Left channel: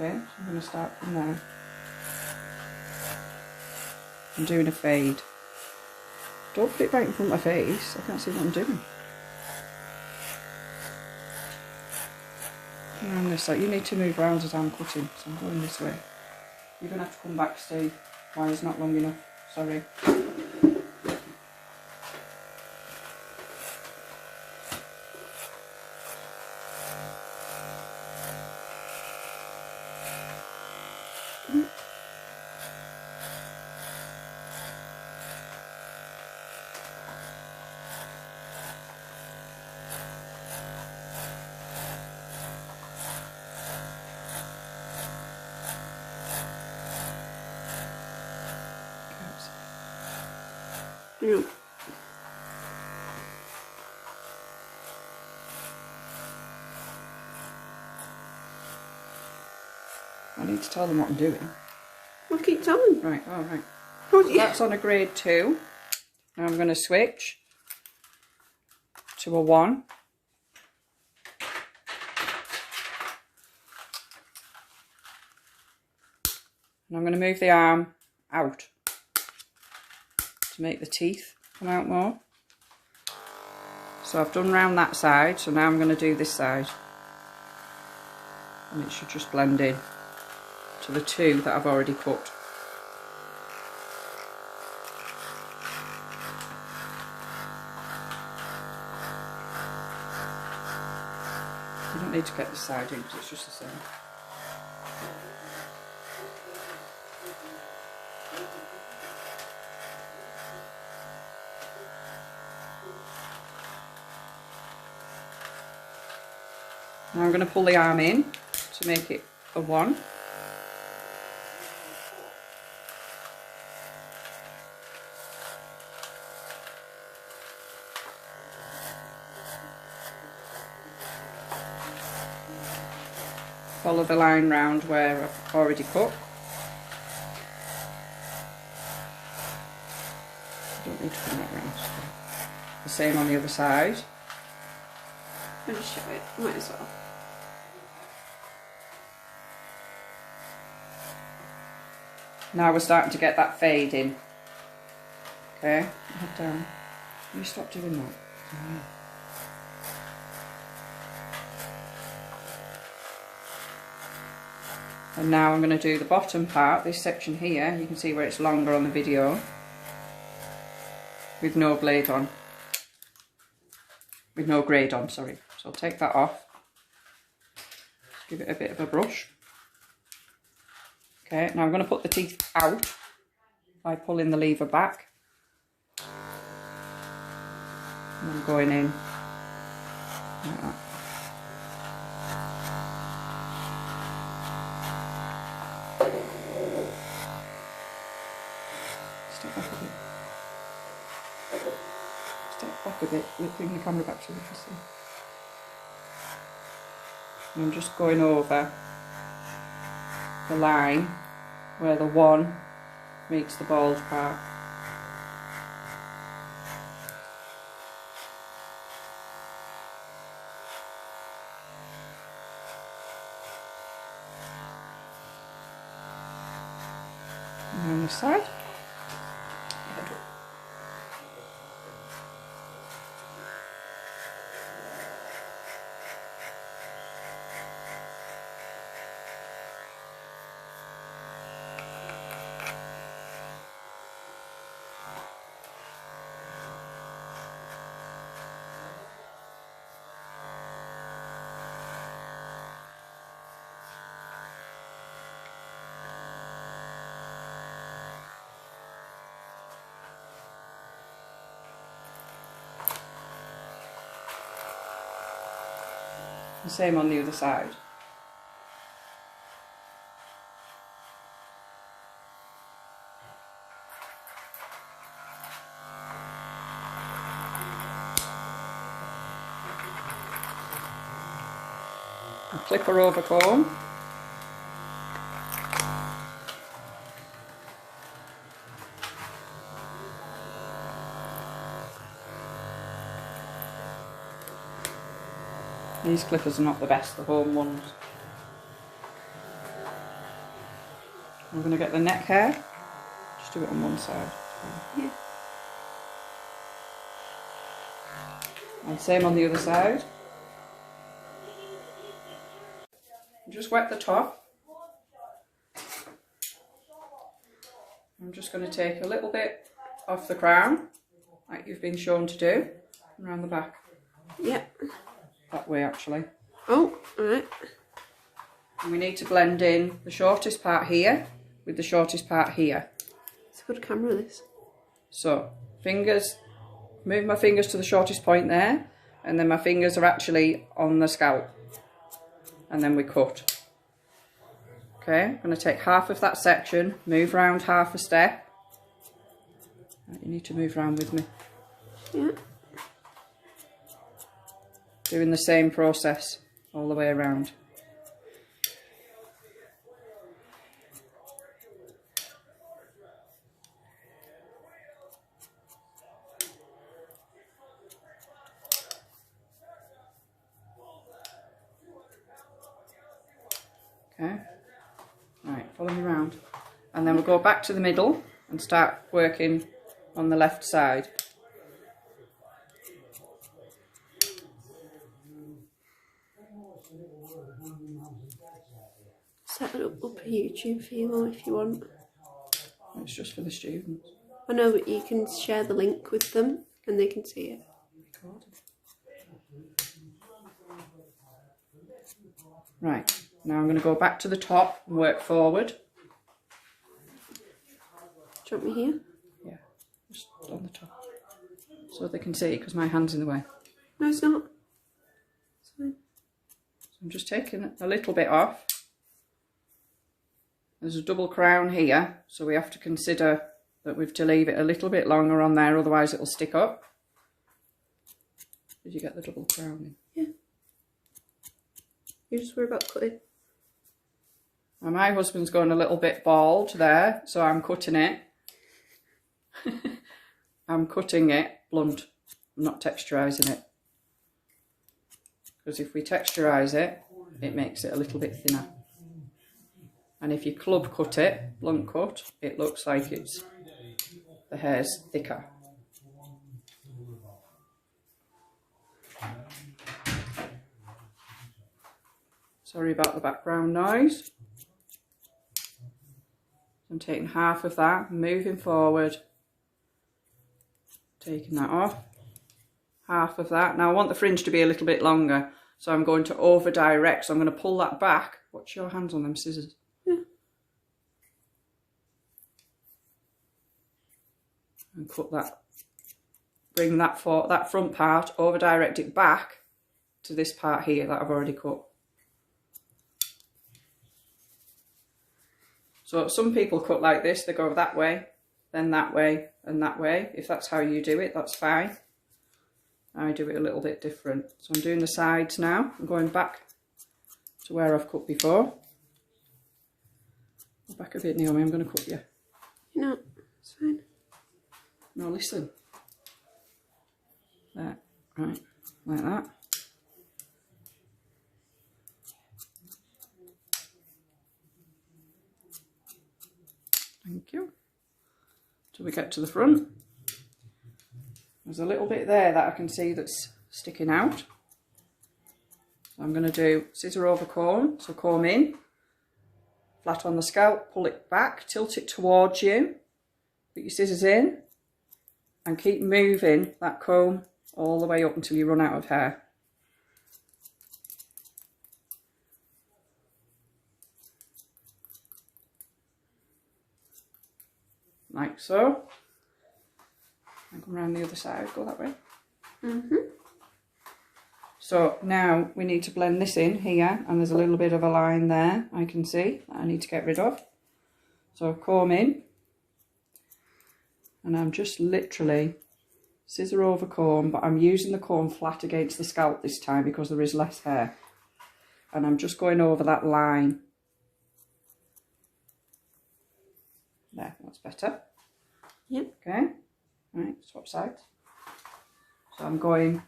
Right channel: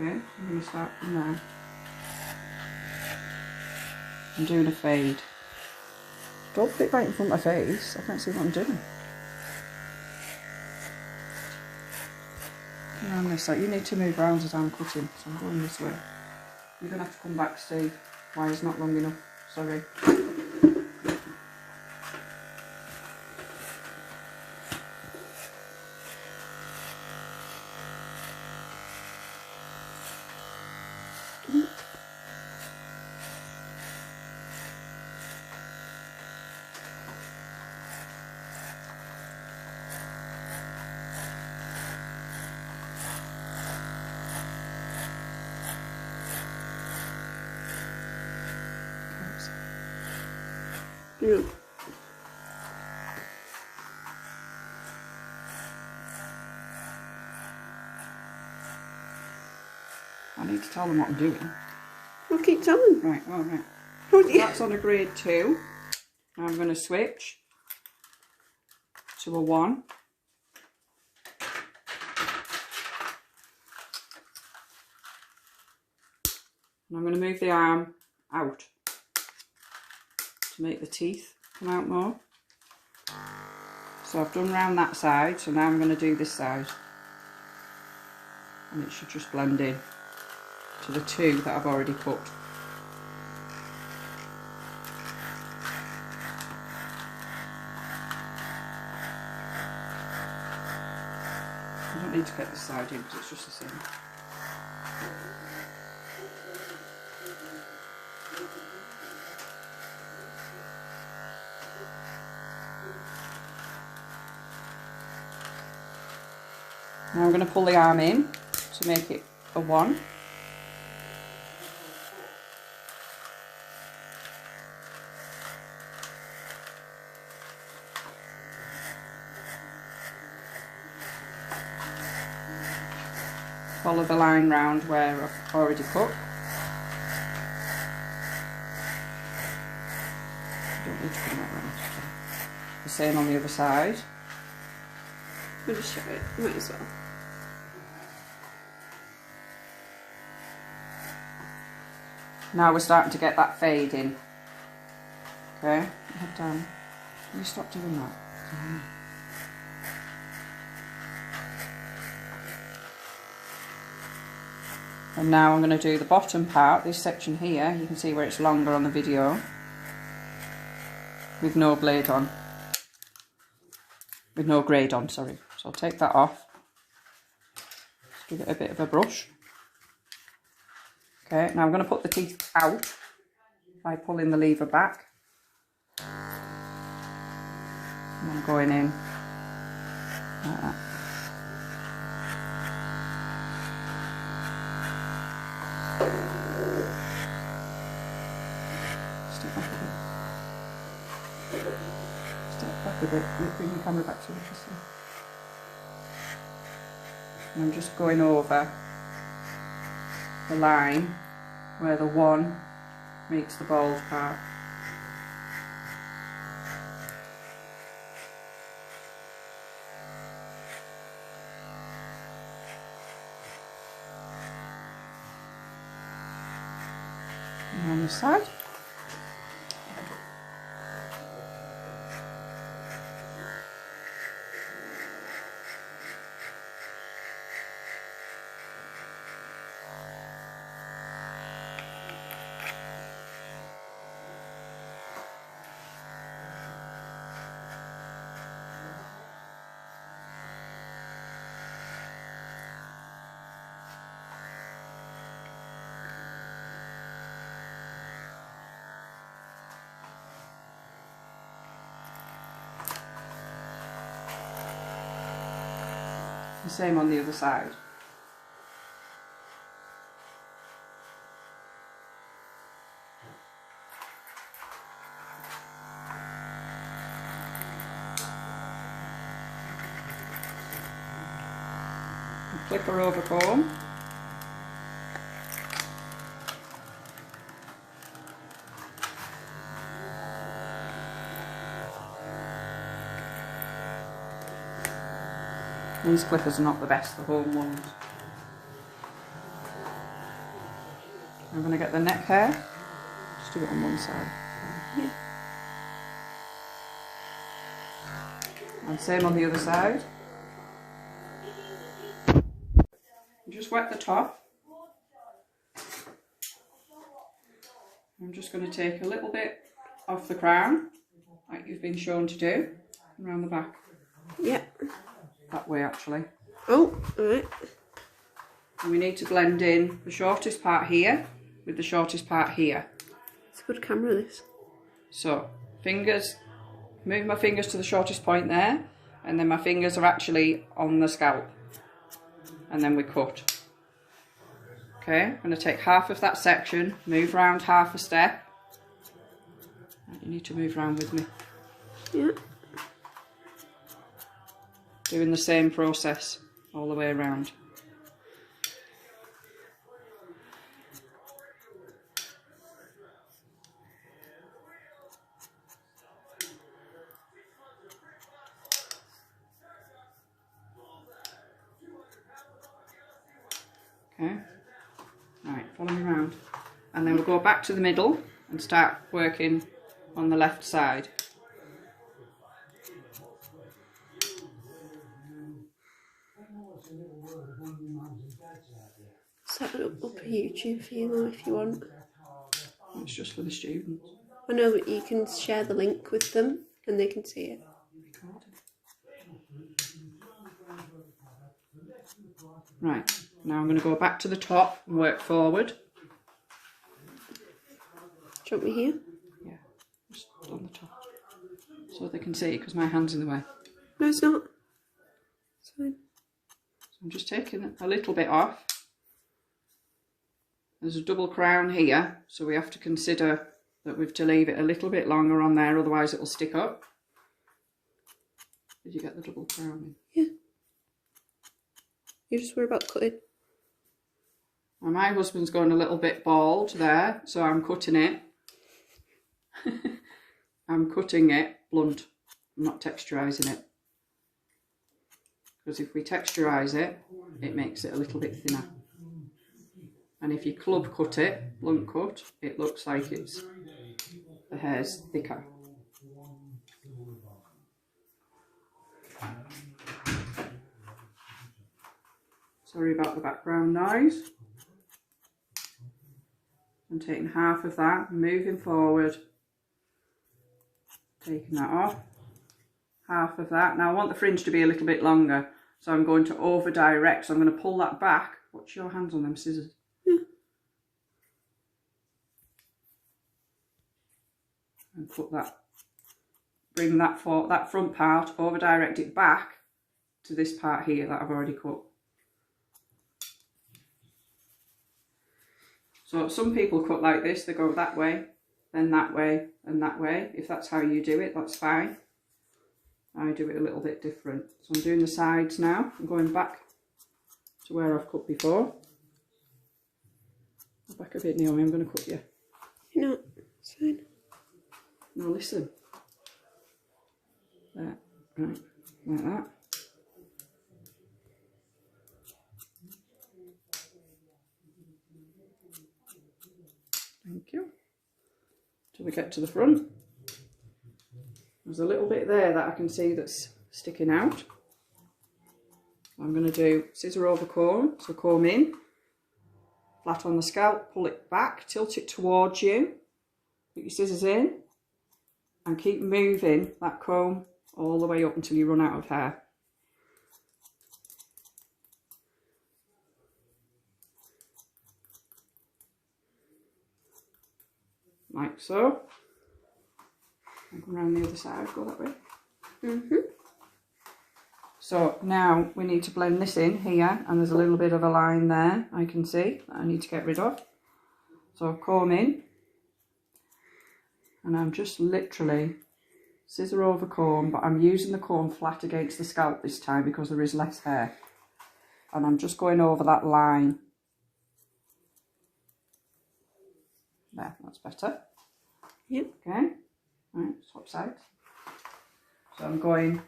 Okay, so I'm going to start from there. I'm doing a fade. Don't put it right in front of my face, I can't see what I'm doing. And on this side, you need to move around as I'm cutting, so I'm going this way. You're going to have to come back, Steve. Wire's not long enough, sorry. Yeah. I need to tell them what I'm doing. Well, keep telling. Right, alright. Oh, So yeah. that's on a grade 2. Now I'm going to switch to a 1. And I'm going to move the arm out to make the teeth come out more. So I've done round that side, so now I'm going to do this side. And it should just blend in to the 2 that I've already cut. You don't need to get this side in because it's just the same. Now I'm going to pull the arm in to make it a 1. Follow the line round where I've already cut. I don't need to come that round. The same on the other side. I'll just show it. Might as well. Now we're starting to get that fade in. Okay, head down. You stop doing that. And now I'm going to do the bottom part, this section here. You can see where it's longer on the video. With no blade on. With no grade on, sorry. So I'll take that off. Give it a bit of a brush. Okay, now I'm going to put the teeth out by pulling the lever back. And I'm going in like that. Step back a bit. Step back a bit. Bring the camera back so you can see. And I'm just going over the line where the 1 meets the bald part. And on the side. The same on the other side. A clipper over comb. These clippers are not the best, the home ones. I'm going to get the neck hair. Just do it on one side. Yeah. And same on the other side. Just wet the top. I'm just going to take a little bit off the crown, like you've been shown to do, and around the back. Yeah. That way actually. Oh, alright. And we need to blend in the shortest part here with the shortest part here. It's a good camera, this. So, fingers, move my fingers to the shortest point there, and then my fingers are actually on the scalp. And then we cut. Okay, I'm going to take half of that section, move round half a step. Right, you need to move round with me. Yeah. Doing the same process all the way around. Okay, right, follow me around. And then we'll go back to the middle and start working on the left side. Set it up a YouTube for you if you want. It's just for the students. I know, but you can share the link with them and they can see it. Right, now I'm going to go back to the top and work forward. Do you want me here? Yeah, just on the top. So they can see because my hand's in the way. No, it's not. It's fine. So I'm just taking a little bit off. There's a double crown here, so we have to consider that we have to leave it a little bit longer on there, otherwise it will stick up. Did you get the double crown in? Yeah. You just worry about cutting. Well, my husband's going a little bit bald there, so I'm cutting it. I'm cutting it blunt, I'm not texturising it. Because if we texturise it, it makes it a little bit thinner. And if you club cut it, blunt cut, it looks like the hair's thicker. Sorry about the background noise. I'm taking half of that, moving forward, taking that off, half of that. Now I want the fringe to be a little bit longer, so I'm going to over direct, so I'm going to pull that back. Watch your hands on them scissors. And cut that, bring that front part, over direct it back to this part here that I've already cut. So some people cut like this, they go that way, then that way and that way. If that's how you do it, that's fine. I do it a little bit different. So I'm doing the sides now. I'm going back to where I've cut before. Go back a bit, Naomi, I'm going to cut you. No, it's fine. Now listen. There, right, like that. Thank you. Till we get to the front. There's a little bit there that I can see that's sticking out. So I'm going to do scissor over comb, so comb in, flat on the scalp, pull it back, tilt it towards you, put your scissors in, and keep moving that comb all the way up until you run out of hair. Like so. And come around the other side, go that way. So now we need to blend this in here, and there's a little bit of a line there I can see that I need to get rid of. So comb in, and I'm just literally scissor over comb, but I'm using the comb flat against the scalp this time because there is less hair. And I'm just going over that line. There, that's better. Yep. Okay, right, swap sides. So I'm going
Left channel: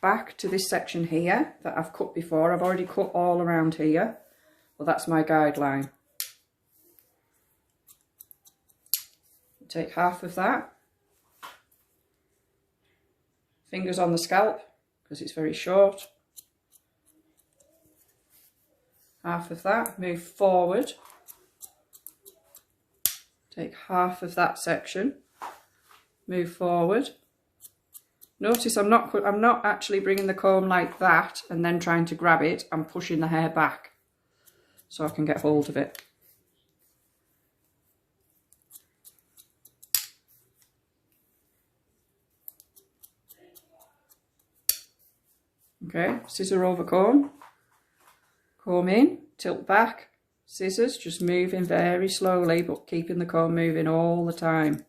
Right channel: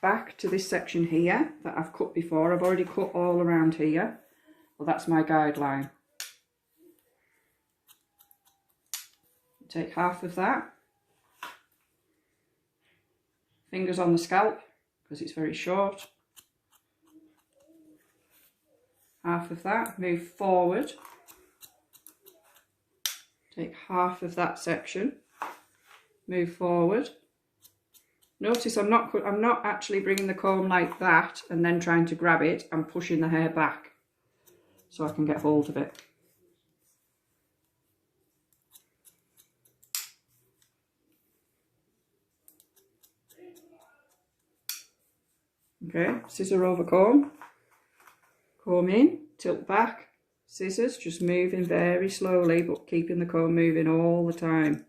back to this section here that I've cut before. I've already cut all around here. Well, that's my guideline. take half of that. Fingers on the scalp because it's very short. Half of that, move forward. Take half of that section, move forward. Notice I'm not actually bringing the comb like that and then trying to grab it. I'm pushing the hair back so I can get hold of it. Okay, scissor over comb, comb in, tilt back, scissors, just moving very slowly but keeping the comb moving all the time.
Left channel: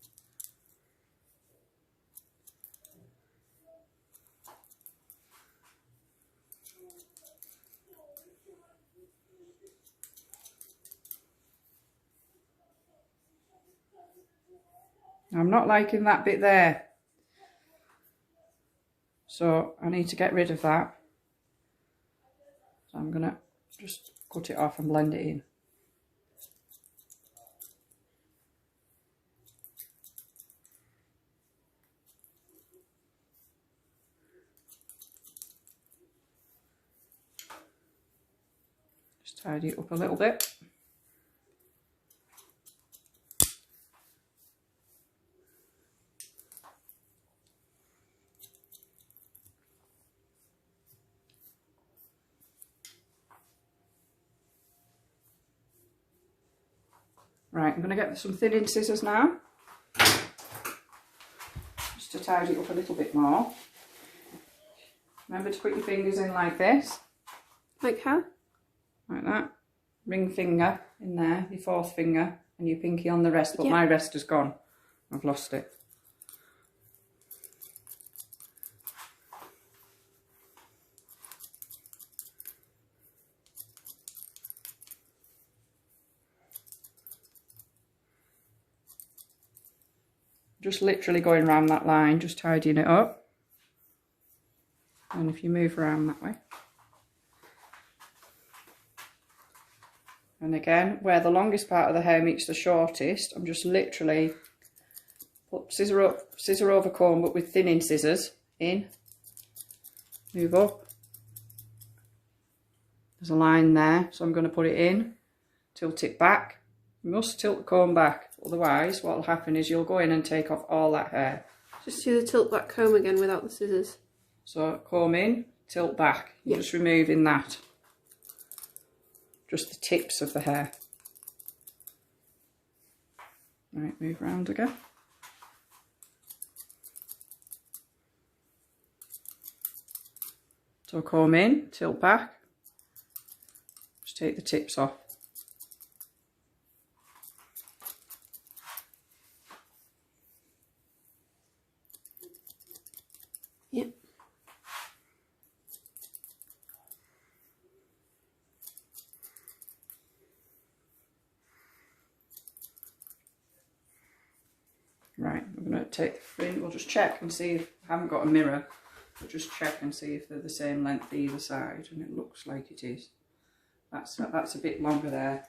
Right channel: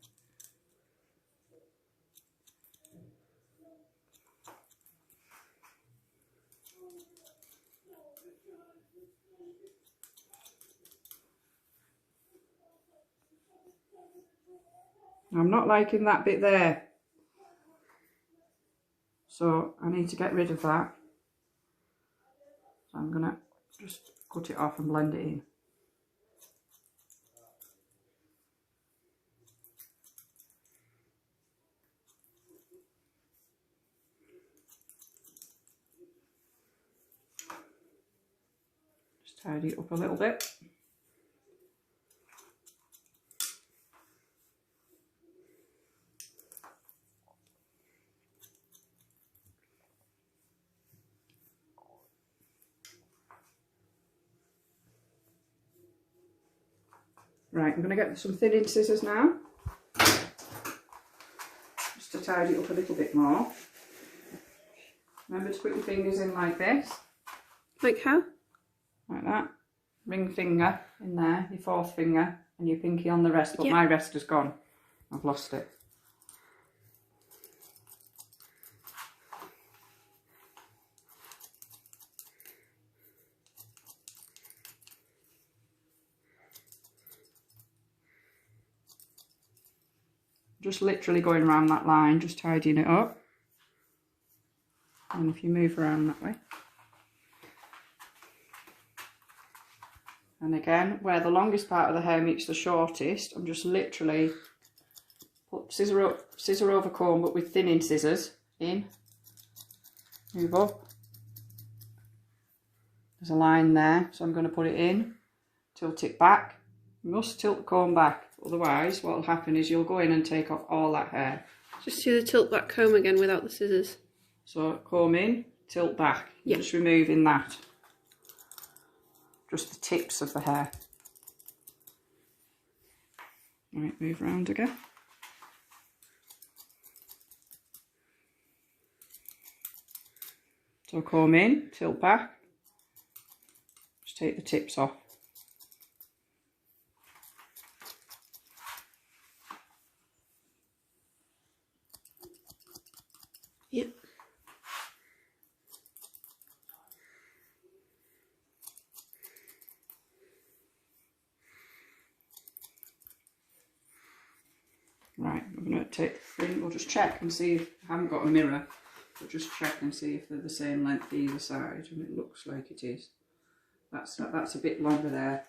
I'm not liking that bit there, so I need to get rid of that. So I'm going to just cut it off and blend it in. Just tidy it up a little bit. Right, I'm going to get some thinning scissors now, just to tidy it up a little bit more. Remember to put your fingers in like this. Like how? Like that. Ring finger in there, your fourth finger, and your pinky on the rest, but my rest has gone. I've lost it. Just literally going around that line, just tidying it up. And if you move around that way. And again, where the longest part of the hair meets the shortest, I'm just literally put scissor over comb, but with thinning scissors in, move up. There's a line there, so I'm going to put it in, tilt it back. You must tilt the comb back, otherwise what will happen is you'll go in and take off all that hair. Just do the tilt back comb again without the scissors. So comb in, tilt back. You're just removing that. Just the tips of the hair. Right, move round again. So comb in, tilt back. Just take the tips off. Yep. Right, we're going to take, we'll just check and see if, I haven't got a mirror, but just check and see if they're the same length either side, and it looks like it is. That's a bit longer there.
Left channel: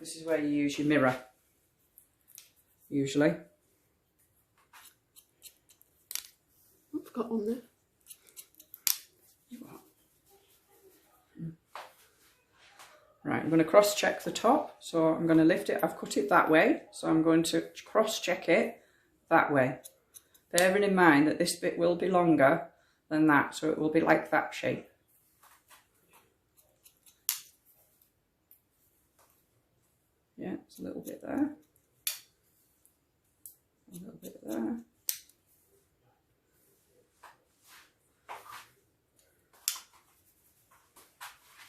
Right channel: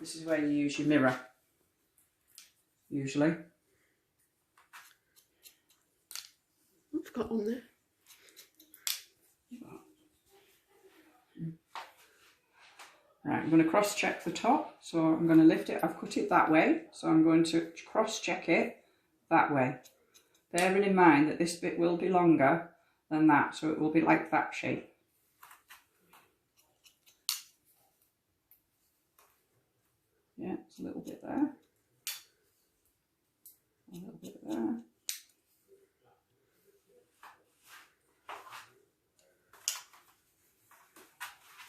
This is where you use your mirror, usually. I've got on there. Right, I'm going to cross check the top, so I'm going to lift it. I've cut it that way, so I'm going to cross check it that way. Bearing in mind that this bit will be longer than that, so it will be like that shape. Yeah, it's a little bit there. A little bit there.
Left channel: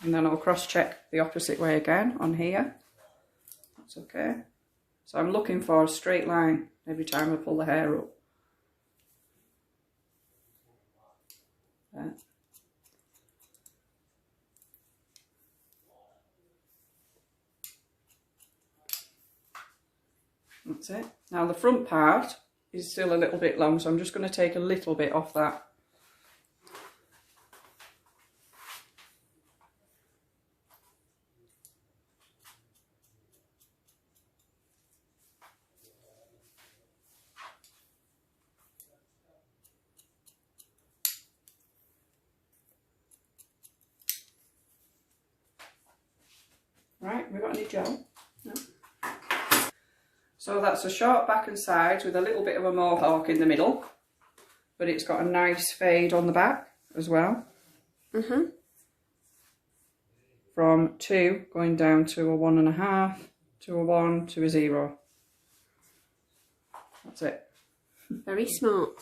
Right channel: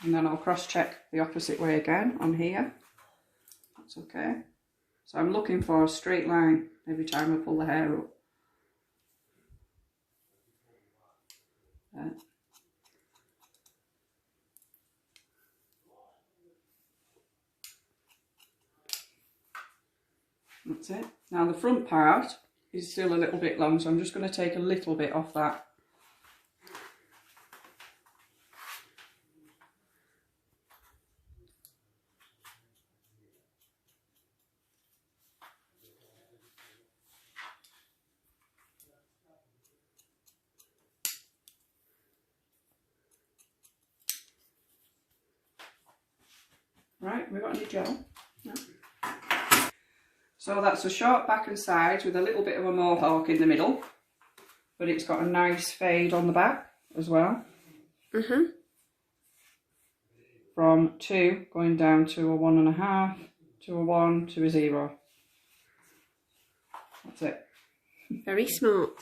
And then I'll cross check the opposite way again on here. That's okay. So I'm looking for a straight line every time I pull the hair up. There. That's it. Now the front part is still a little bit long, so I'm just going to take a little bit off that. Right, we got any gel? No. So that's a short back and sides with a little bit of a mohawk in the middle, but it's got a nice fade on the back as well. From 2 going down to a 1.5, to a 1, to a 0. That's it. Very smart.